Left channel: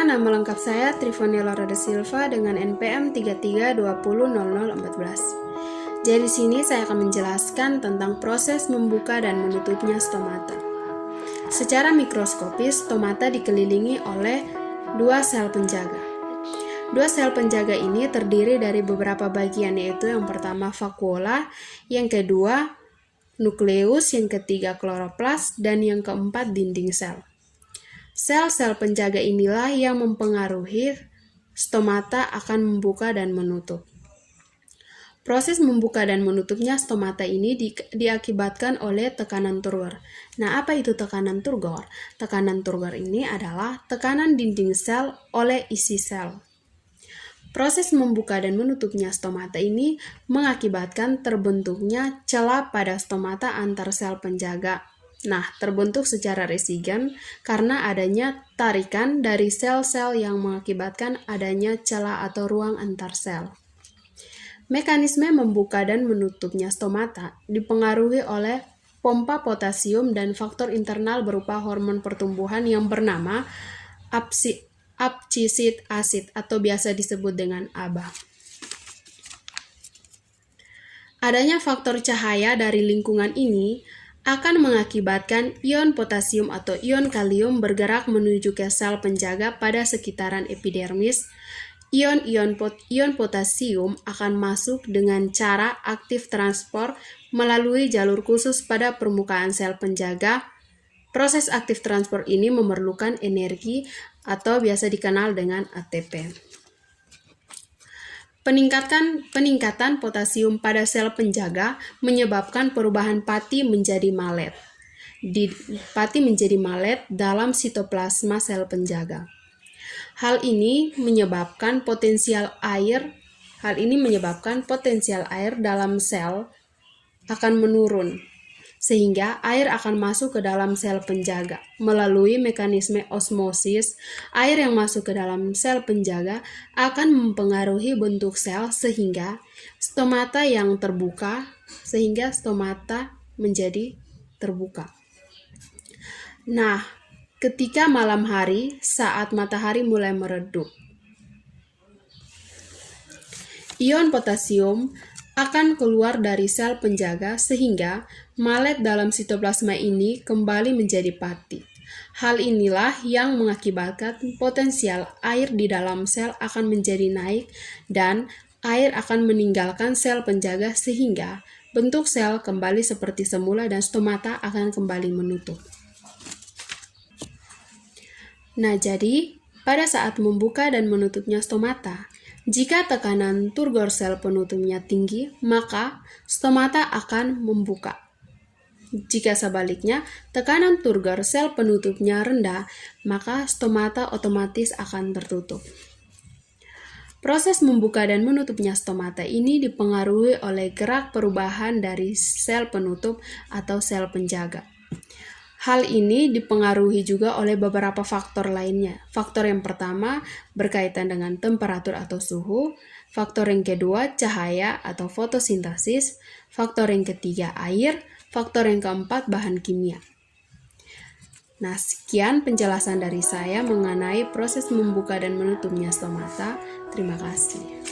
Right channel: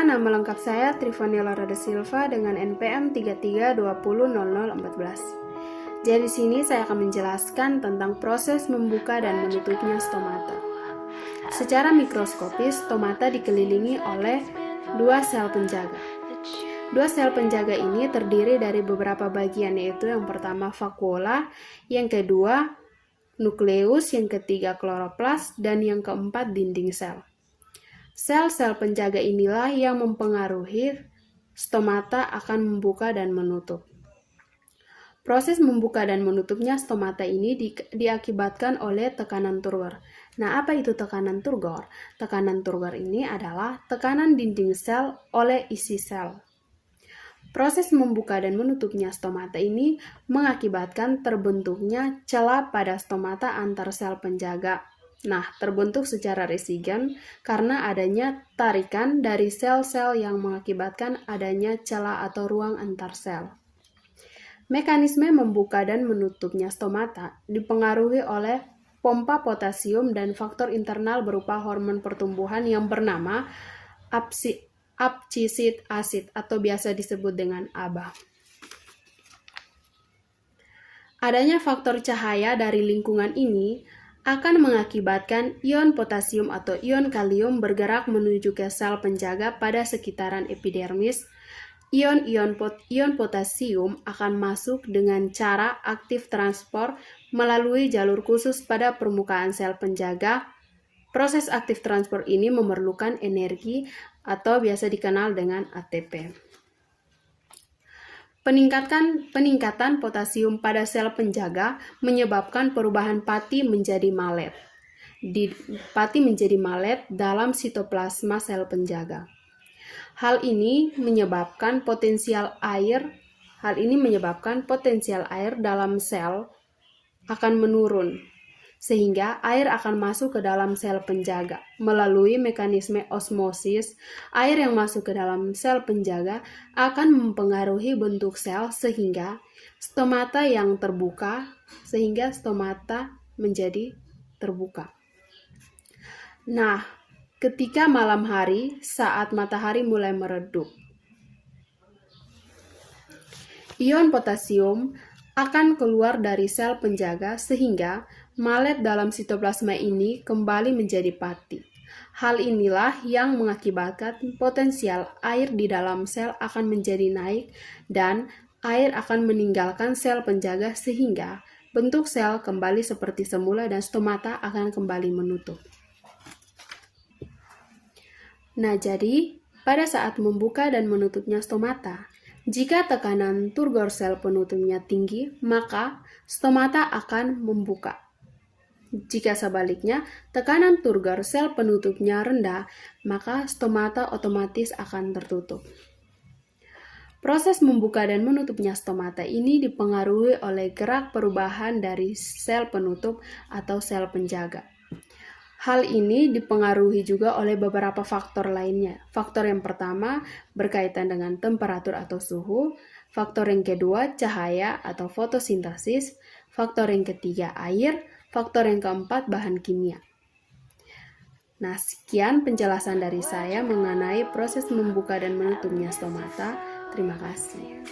Perkenalkan, nama lengkap saya Trifonila Roda Silva dengan NPM 33200014. Jadi di sini saya akan menjelaskan tentang proses membuka dan menutupnya stomata. Secara mikroskopis, stomata dikelilingi oleh dua sel penjaga. Dua sel penjaga ini terdiri dari beberapa bagian, yaitu yang pertama vakuola, yang kedua nukleus, yang ketiga kloroplas, dan yang keempat dinding sel. Sel-sel penjaga inilah yang mempengaruhi stomata akan membuka dan menutup. Proses membuka dan menutupnya stomata ini diakibatkan oleh tekanan Turgor. Nah, apa itu tekanan Turgor? Tekanan Turgor ini adalah tekanan dinding sel oleh isi sel. Proses membuka dan menutupnya stomata ini mengakibatkan terbentuknya celah pada stomata antar sel penjaga. Nah, terbentuk secara resigen karena adanya tarikan dari sel-sel yang mengakibatkan adanya celah atau ruang antar sel. Mekanisme membuka dan menutupnya stomata dipengaruhi oleh pompa potasium dan faktor internal berupa hormon pertumbuhan yang bernama abscissic acid atau biasa disebut dengan ABA. Adanya faktor cahaya dari lingkungan ini akan mengakibatkan ion potasium atau ion kalium bergerak menuju ke sel penjaga pada sekitaran epidermis. Ion potasium akan masuk dengan cara aktif transport melalui jalur khusus pada permukaan sel penjaga. Proses aktif transport ini memerlukan energi atau biasa dikenal dengan ATP. Peningkatan potasium pada sel penjaga menyebabkan perubahan pati menjadi malet. Pati menjadi malet dalam sitoplasma sel penjaga. Hal ini menyebabkan potensial air dalam sel akan menurun, sehingga air akan masuk ke dalam sel penjaga. Melalui mekanisme osmosis, air yang masuk ke dalam sel penjaga akan mempengaruhi bentuk sel sehingga stomata menjadi terbuka. Nah, ketika malam hari saat matahari mulai meredup, ion potasium akan keluar dari sel penjaga sehingga malet dalam sitoplasma ini kembali menjadi pati. Hal inilah yang mengakibatkan potensial air di dalam sel akan menjadi naik dan air akan meninggalkan sel penjaga sehingga bentuk sel kembali seperti semula dan stomata akan kembali menutup. Nah, jadi pada saat membuka dan menutupnya stomata, jika tekanan Turgor sel penutupnya tinggi, maka stomata akan membuka. Jika sebaliknya, tekanan Turgor sel penutupnya rendah, maka stomata otomatis akan tertutup. Proses membuka dan menutupnya stomata ini dipengaruhi oleh gerak perubahan dari sel penutup atau sel penjaga. Hal ini dipengaruhi juga oleh beberapa faktor lainnya. Faktor yang pertama berkaitan dengan temperatur atau suhu, faktor yang kedua cahaya atau fotosintesis, faktor yang ketiga air, faktor yang keempat bahan kimia. Nah, sekian penjelasan dari saya mengenai proses membuka dan menutupnya stomata. Terima kasih.